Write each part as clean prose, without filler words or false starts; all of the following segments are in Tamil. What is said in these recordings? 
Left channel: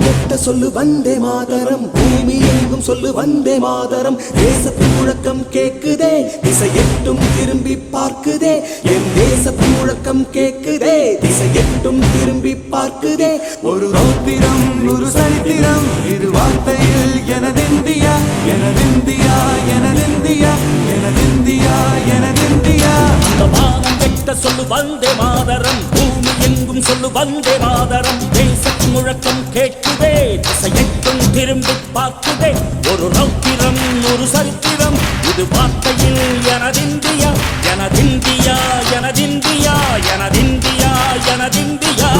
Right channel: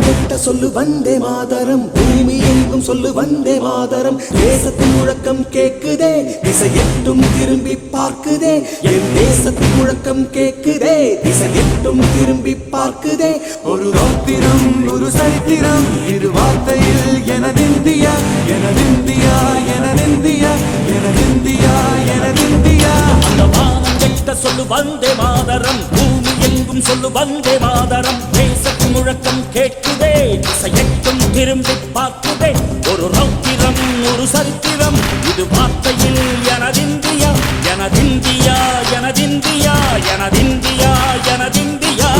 வானம் கெட்ட சொல்லு வந்தே மாதரம், பூமி எங்கும் சொல்லு வந்தே மாதரம். தேசத்தின் முழக்கம் கேக்குதே, திசை எட்டும் திரும்பி பார்க்குதே. என் தேசத்தின் முழக்கம் கேக்குதே, திசை எட்டும் திரும்பி பார்க்குதே. ஒரு ரௌத்திரம் ஒரு சரித்திரம் இரு வார்த்தையில் எனதிந்தியா எனதிந்தியா எனதிந்தியா எனதிந்தியா எனதிந்தியா. அந்த வானம் கெட்ட சொல்லு வந்தே மாதரம், பூமி எங்கும் சொல்லு வந்தே மாதரம். தேசத்தின் முழக்கம் கேட்குதே, திசை எட்டும் திரும்பி பார்க்குதே. ஒரு ரௌத்திரம் ஒரு சரித்திரம் இது வார்த்தையில் எனதிந்தியா எனதிந்தியா எனதிந்தியா எனதிந்தியா எனதிந்தியா.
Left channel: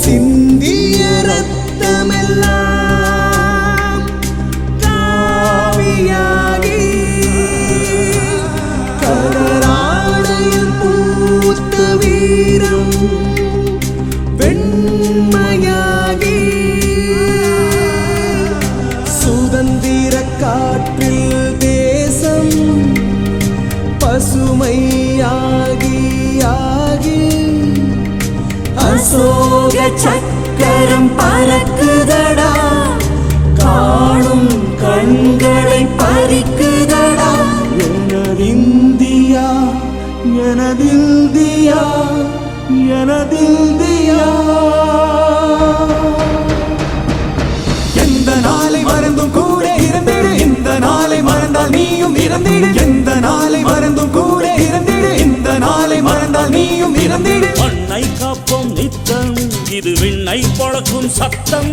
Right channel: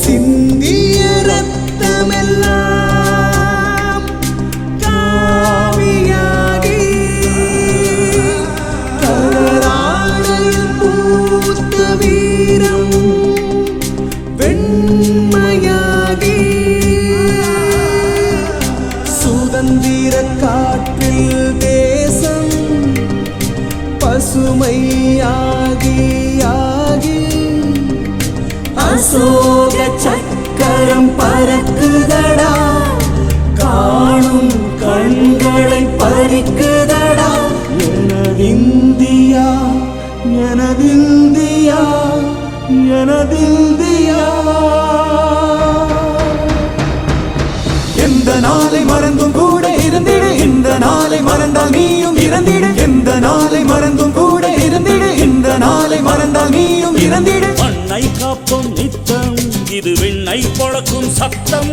சிந்திய ரத்தமெல்லாம் காவியாகி, கதராடையில் பூத்த வீரம் வெண்மையாகி, சுதந்திர காற்றில் தேசம் பசுமையாகி ஆகி, அசோக சக்கரம் பறக்குதடா, காணும் கண்களை பறிக்குதடா. எனதிந்தியா எனதிந்தியா எனதிந்தியா. எந்த நாளை மறந்தும் கூட இருந்திட, இந்த நாளை மறந்தால் நீயும் இறந்திட. எந்த நாளை மறந்தும் கூட இருந்திட, இந்த நாளை மறந்தால் நீயும் இறந்திட. மண்ணை காப்போம் நித்தம் இது விண்ணை பொழக்கும் சத்தம்.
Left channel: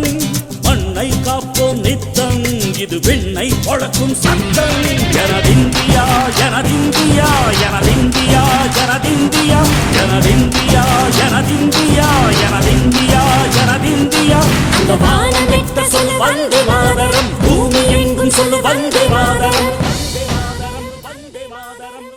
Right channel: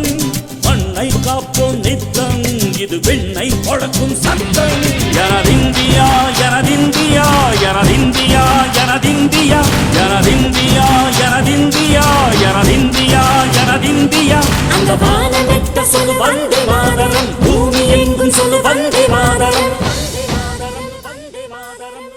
மண்ணை காப்போம் நித்தம் இது விண்ணை பொழக்கும் சத்தம். எனதிந்தியா எனதிந்தியா எனதிந்தியா எனதிந்தியா எனதிந்தியா எனதிந்தியா எனதிந்தியா எனதிந்தியா. அந்த வானம் கெட்ட சொல்லு வந்தே மாதரம், பூமி எங்கும் சொல்லு வந்தே மாதரம். வந்தே மாதரம் வந்தே மாதரம்.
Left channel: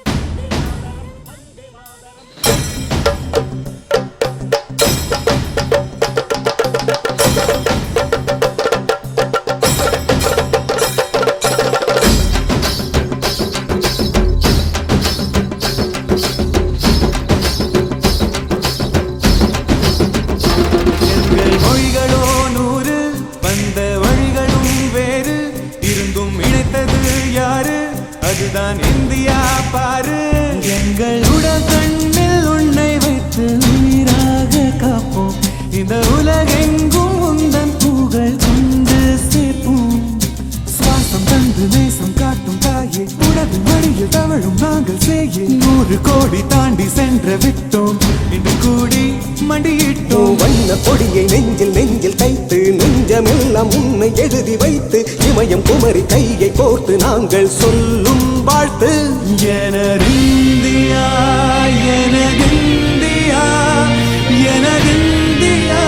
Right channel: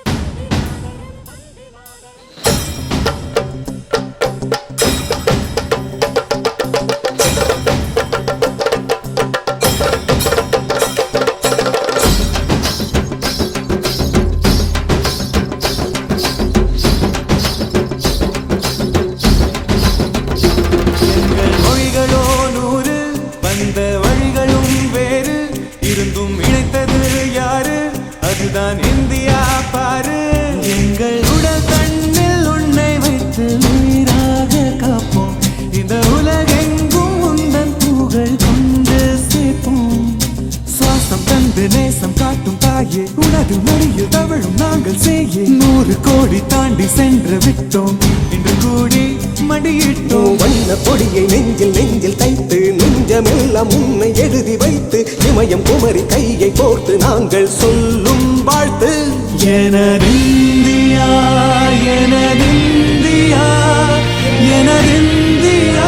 எங்கள் மொழிகளோ 100, வந்த வழிகளும் வேறு, இருந்தும் இணைத்தது யாரு? அதுதான் இந்தியா பாரு. எங்கள் உடல் தன்னில் உன்னை வைத்து உயிராக காப்போம். இந்த உலகெங்கும் உந்தன் புகழ் கொண்டு சேர்ப்போம். சுவாசம் தந்து தேசம் காட்டும் தாயே, உலகின் மொழியில் தவழும் நாங்கள் செய்ய 100 கோடி தாண்டி சென்று விட்டோம். இன்று கூடி மடியிட்டோம். வண்ண கொடியை நெஞ்சில் நெஞ்சில் தைத்து, நெஞ்சமெல்லாம் உன்னை எழுதி வைத்து, இமயம் குமரி கையை கோர்த்து நாங்கள் சொல்லும் வாழ்த்து. எனதிந்தியா எனதிந்தியா எனதிந்தியா.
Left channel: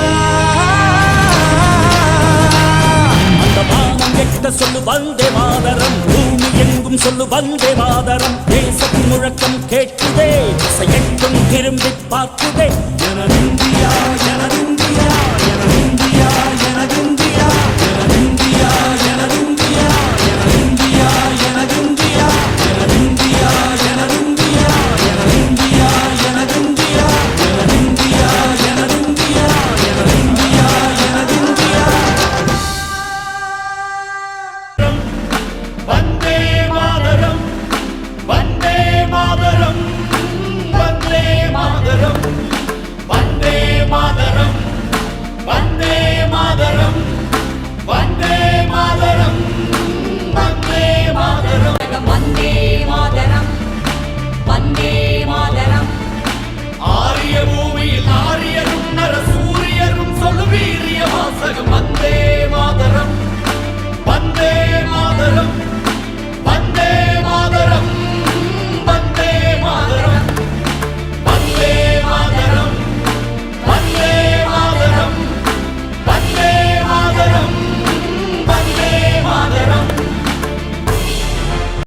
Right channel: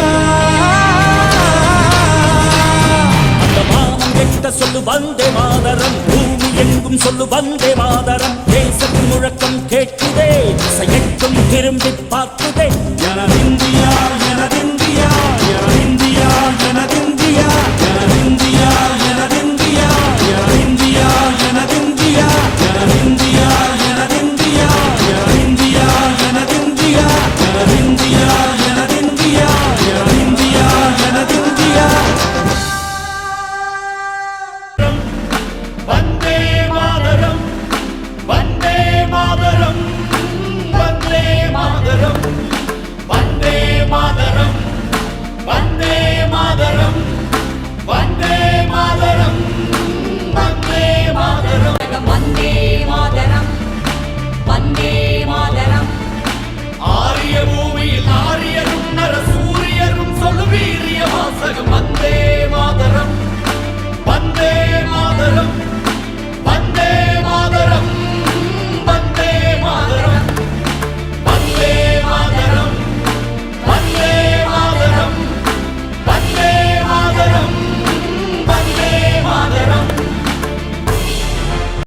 அந்த வானம் கெட்ட சொல்லு வந்தே மாதரம், பூமி எங்கும் சொல்லு வந்தே மாதரம். தேசத்தின் முழக்கம் கேட்குதே, திசை எட்டும் திரும்பி பார்க்குதே.